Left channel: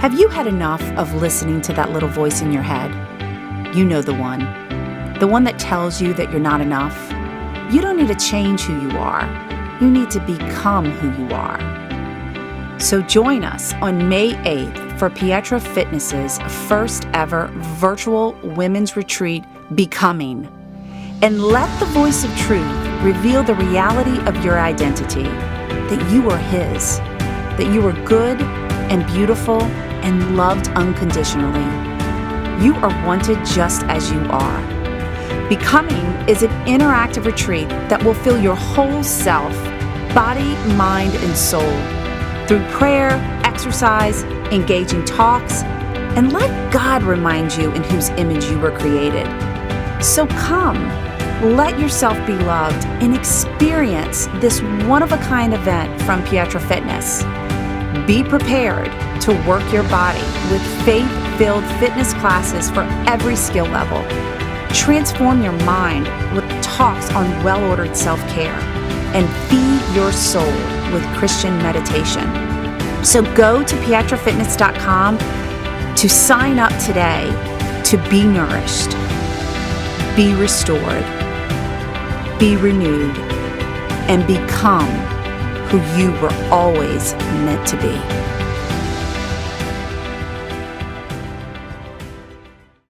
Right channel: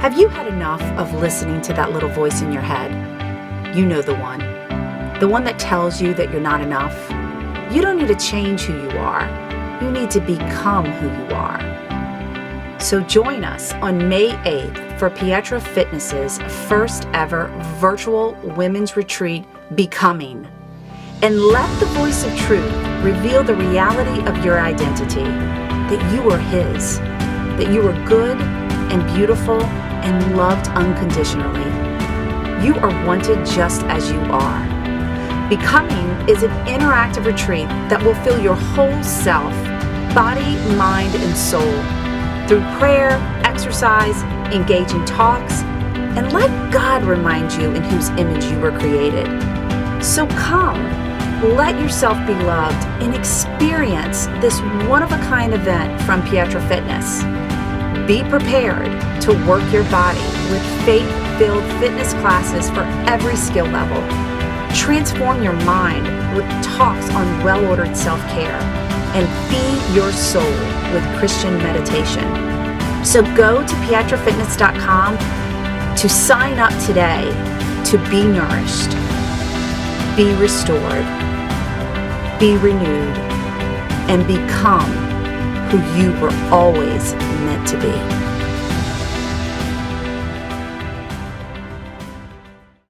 Have you had enough of listening to that little voice in your head? You know the one that tells you that you're not enough. You don't need to change who you are. You need to become who you are. So join us on May 8th for Pietra Fitness's first ever virtual women's retreat, Becoming. And let the voice of truth reveal the reality of your identity, that you are His, that you are good and beautiful and loved unconditionally. You are wanted just as you are. Becoming is an interactive retreat that will fill your whole self, body, mind, and soul, through prayer, exercise, engaging talks, and let God remind you in whose image you were created. So come, let yourself be loved and experience this one-of-a-kind event from Pietra Fitness. Be prepared to work your body with faith-filled fitness classes for every skill level. Transform your mind with talks on well-ordered self-care, and feed your soul with Christian meditation. So go to pietrafitness.com to sign up today to be nourished, be restored, be renewed, and become who you were always meant to be.